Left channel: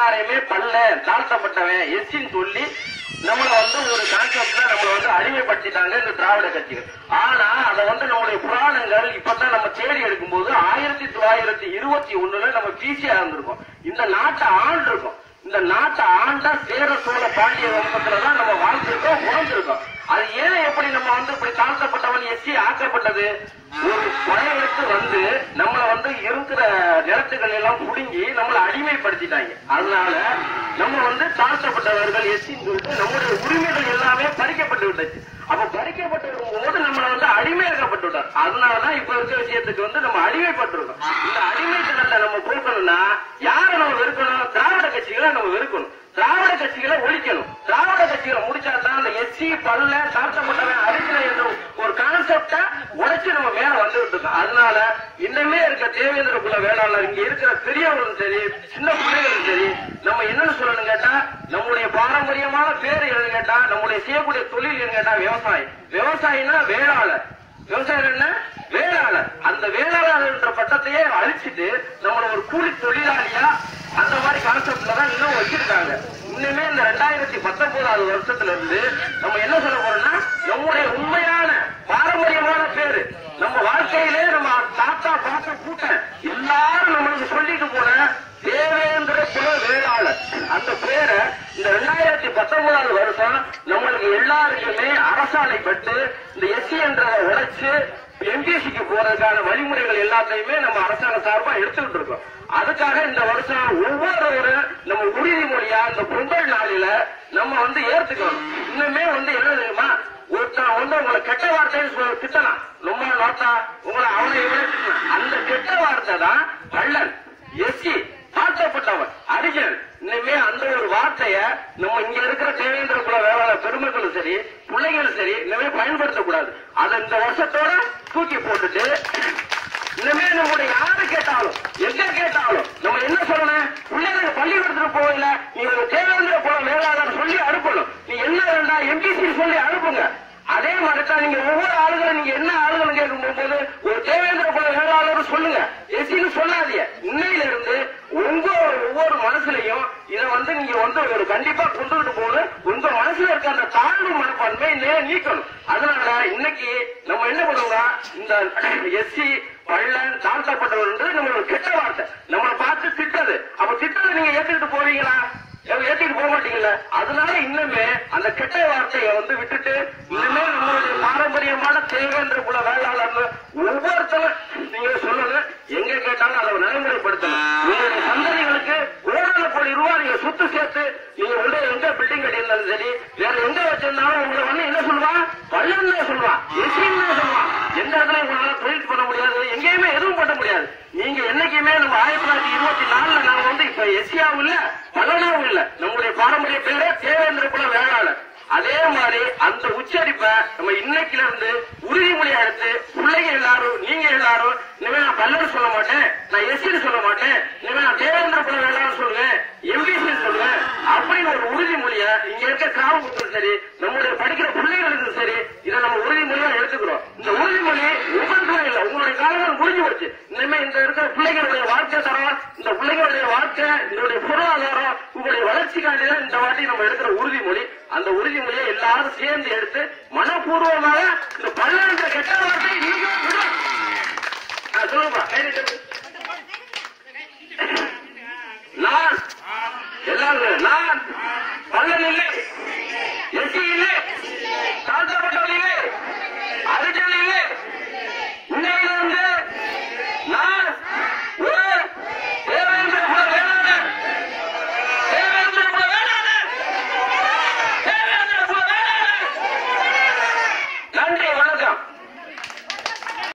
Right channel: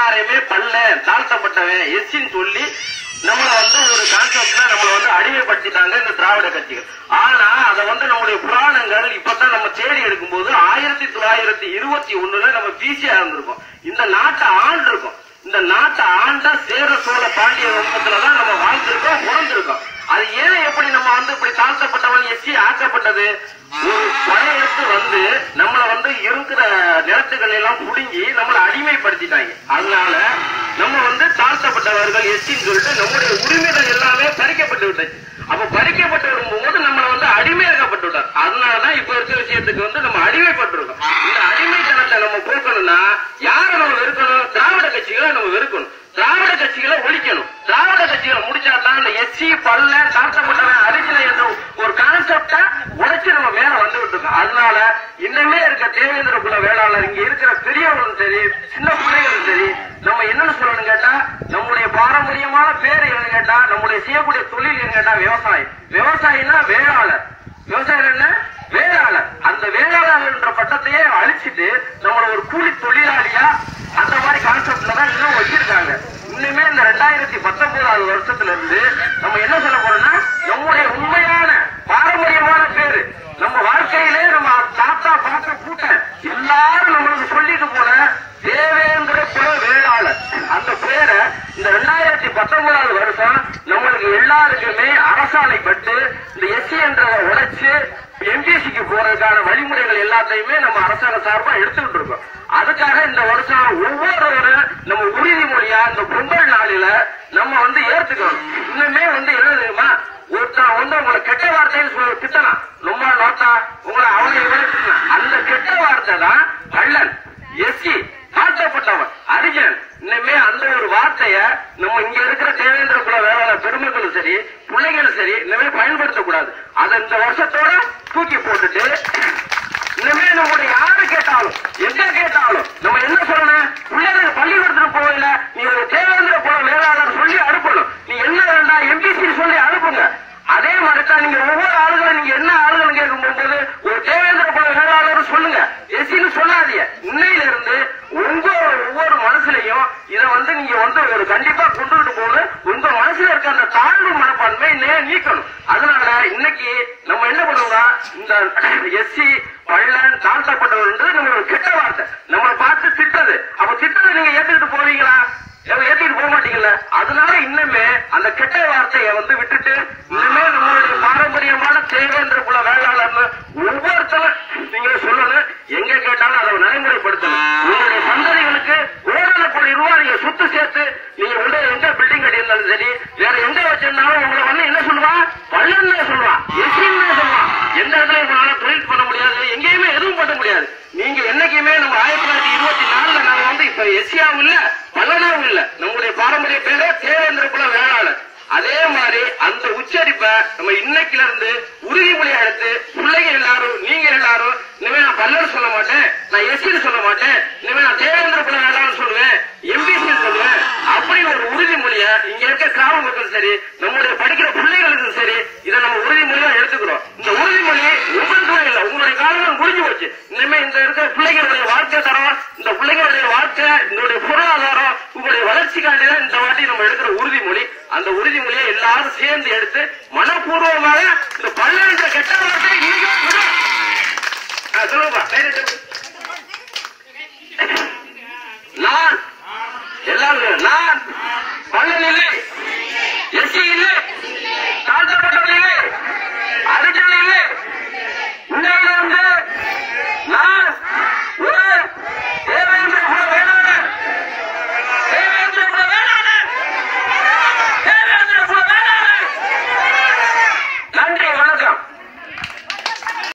எல்லாரையுமே பல்ல தாழ்த்தப்பட்டவன் எஸ்சின்னு சொல்லி நம்மளை வந்து ஒரு கான்செப்ட்ல நம்மளை வந்து அடிமைப்படுத்திட்டாங்க இந்த திராவிட கட்சிகள். ஆனா அதை வந்து நம்முடைய புராணங்கள் இப்பதான் நம்ம தேடி எடுக்கும்போது ஆயிரத்தி தொள்ளாயிரத்தி இருபத்தி ஒண்ணுல நம்ம பிசியா இருந்திருக்கோம். இந்த நாட்டை ஆண்டிருக்கோம். இந்த நாட்டை ஆண்டா சேர சோழ பாண்டிய வம்சத்துலதான் நம்ம வாழ்ந்திருக்கோம் உணர்ந்திருக்கோம் அது ஏன் எப்படி நம்ம வந்து இப்படி தாழ்த்தப்பட்டவன் எச்சி ஆக்கப்பட்டது? ஒரு படையெடுத்து வந்து நம்ம இருக்கிற நிலத்துக்கள் எல்லாம் புடுங்கி நம்மளை அடிமைப்படுத்திட்டாங்க. அதனால நம்ம வந்து தாழ்த்தப்பட்டவர்கள் எச்சின்னு சொல்லிட்டு நம்முடைய உரிமைகள் எல்லாமே பறிக்கப்பட்டு விட்டாச்சு. அப்ப பறிக்கப்பட்டு வரும்போது நம்மள வந்து அடிமையாக்கப்பட்டு விட்டார். அதனாலதான் இப்ப இருக்கிற விஷயத்துக்கு வந்து நம்ம அடிமைப்பட்டிருக்கோம். இந்த அடிமைத்தனத்தை நம்ம போக்கணும்னா யாரை நம்ம வெறுக்கணும்? திராவிட கட்சிகளை நம்ம வெறுக்கணும். திராவிட கட்சிகளை ஒழிக்கணும். திராவிட கட்சிகளை முடிச்சாதான் அந்த எஸ்சி பல்ல தாழ்த்த அரிசினை என்ற ஒரு கான்செப்ட உடைச்சு நம்ம மேல வந்துகிட்டு இருக்கோம் அதனால இன்னமே இருக்க தேவேந்திர குல வேளாளர் இங்க இருக்கிற பெரியவர்களும் சரி சின்ன பிள்ளைகளும் சரி நம்ம என்னன்னு சொல்லணும் கேட்டா நம்முடைய பாரம்பரியமான பேர் எதுன்னு கேட்டா நம்முடைய செய்யக்கூடிய தொழில் எதுன்னு கேட்டா விவசாயம். விவசாயினா வேளாளர். விவசாயம் என்ன? வேளாளர். அந்த வேளாளர் என்ற பட்டத்தையே அழிச்சிட்டு நம்மள ஒரு கூலி தொழிலாளியா அந்த மாதிரி கான்செப்ட்ல தான் இன்னும் வச்சிருக்காங்க. இன்னுமே இந்த ரெண்டாயிரத்தி பத்தொன்பதாவது வருஷத்துல இருந்து நம்ம என்ன சொல்ல போறோம்னா நம்முடைய உண்மையா பாரம்பரியமான பேரு நம்ம வாழ்க்கையிலே நம்ம தாத்தா பார்த்த கூட்டம் எல்லாரும் நம்மளுக்கு சொல்லிட்டு போன தேவேந்திர குல வேளாளர் அந்த பேரை இந்த ரெண்டாயிரத்தி பத்தொன்பதாவது வருஷம் நம்மளுக்கு எல்லாருக்குமே அரசாணைப்பட்டு இந்த எஸ்சி என்றதை உடைச்சு எம்பிசிக்கு போறதுக்கான வழிமுறைகள் எல்லாத்தையுமே நம்ம அரசாங்க சார்பா எடுத்துக்கிட்டு இருக்கோம். அதுக்காக இந்த வருஷம் ஒவ்வொருவரும் நம்ம உறுதிமொழியா இந்த பொங்கல் நாளில நம்ம வந்து ஏத்துக்கணும். இன்னுமே வந்து என்ன தெரியுமா? ஒருத்தன் வந்து உங்களை கெட்ட வார்த்தைன்னு சொல்ல திட்டலாம். ரொம்ப நோட்டா உங்களை அவனை இவனை திட்டலாம். அந்த கெட்ட வார்த்தை தான் கள்ளன் எஸ்சி தாழ்த்தப்பட்டவன் அரிஜன் இனிமே அந்த ஒரு வார்த்தைய நம்ம இங்க இருக்கிற தேவேந்திர குல வேளாண் பெருமக்களும் சரி பிள்ளைகளும் சரி இனிமே பயன்படுத்தக்கூடாது அதை இந்த வருஷத்தோட தூக்கி போட்டுட்டு இனிமே நம்முடைய யாரு கேட்டாலும் எங்க கேட்டாலும் நம்ம என்ன சொல்லணும்? பிள்ளைகள் பள்ளிக்கூடத்துக்கு போகல. நீ ஒரு தேவேந்திர குல வேளாளர் சொல்லி அனுப்பணும். நீ என்ன வேண்டாம் எம்பிசி சொல்லி அனுப்புங்க அதே மாதிரி தான் நீங்க ஒவ்வொரு ஆளுகளும் நீங்க என்ன ஆளுகள் கேட்கும் போது ஒரு தேவேந்திர குல சொல்லுங்க. எசின்னு சொல்லாதீங்க. இன்னையில இருந்து உங்க ஒவ்வொரு மனசுலயும் இத வந்து நீங்க வந்து ஒரு கண்டிப்பா கொண்டுகிட்டு போது உங்க மனசுல இருக்க அந்த தாழ்வு மனப்பான்மை நே- நீக்கணும். அதனால இன்னைக்கு நம்ம என்ன பண்ணுவோம்னா இந்த எஸ்சி பள்ளன் தாழ்த்தப்பட்டவர் நம்ம ஒரு கெட்ட வார்த்தை. நம்மளை பார்த்து திட்டது அப்ப திட்டத்தை நீங்க ஏத்துக்கிட்டு போவீங்களா? ஏத்திட்டு போக மாட்டீங்கல்ல? அதனால இன்னுமே அந்த கெட்ட வார்த்தையை வந்து விட்டுட்டு இன்னுமே நம்மளுடைய பாரம்பரியமான தேவைன்ற குல வேளாளர்னு ஒவ்வொருத்தரும் நீங்க சொல்லணும். எங்க கேட்டாலும் அதை நடைமுறைப்படுத்தணும். உங்களுடைய சந்ததிகளுக்கு ஓரான கோடி ரூபாய் நீங்க சொத்து சேர்த்து நீங்க உள்ள எந்த பில்டிங் கட்டியிருந்தாலும் சரி வேற எங்க வச்சிருந்தாலும் உங்களை வந்து என்ன சொல்லுவான் பள்ளன்னு சொல்லுவான் எஸ்டின்னு சொல்லுவான் எந்த இடத்துல உங்களால தொழில் பண்ண முடியாது எங்கேயுமே எதுவும் பண்ண முடியாது. நீங்க என்னைக்குமே நம்ம ஆயிரத்தி தொள்ளாயிரத்தி இருபத்தி நாலுல நாங்க வந்து இப்ப எஸ்சியாவும் இல்ல பல்லனாவும் இல்ல நம்முடைய பாரம்பரிய பேரே தேவேந்திர குல வேளாளர் அதே மாதிரி அந்த உச்சரிப்பை நம்ம இருந்து உறுதிமொழியா எடுத்து பிள்ளைங்க எல்லாரும் நீங்க எல்லாரும் இனிமே நான் பல்லர் சொல்ல மாட்டேன் நான் எஸ்சின்னு சொல்ல மாட்டேன் இனிமே நான் தேவேந்திர குல வேளாளர் சொல்லுவேன் எம்பிசி சொல்லுவேன் அப்படின்னு ஒரு உறுதிமொழிய இங்க இருக்க கிராம மக்கள் சரி நம்மளுடைய படிக்கிற பிள்ளைகளுக்கும் சரி இதை நம்ம உறுதிமொழியா எடுத்துக்கிறோம். இந்த உறுதிமொழி உங்களுக்கு இல்ல உங்களுடைய காலங்கள் முடிஞ்சு போச்சு. இனிமே இந்த இருக்கிற பிள்ளைகளுடைய வாழ்க்கை தரம் இந்த பிள்ளைகளுடைய வாழ்க்கை இதனுடைய பொருளாதாரம் உங்களுடைய வளர்ச்சிக்காண்டி தான் இந்த வாட்டி நம்ம எடுக்கிற உறுதிமொழி அந்த உறுதிமொழியை எல்லாரும் சேர்ந்து எடுத்து மனப்பூர்வமாக இந்த பல்லென்ற கெட்ட வார்த்தை நீங்க விடும். நான் எல்லாரும் நான்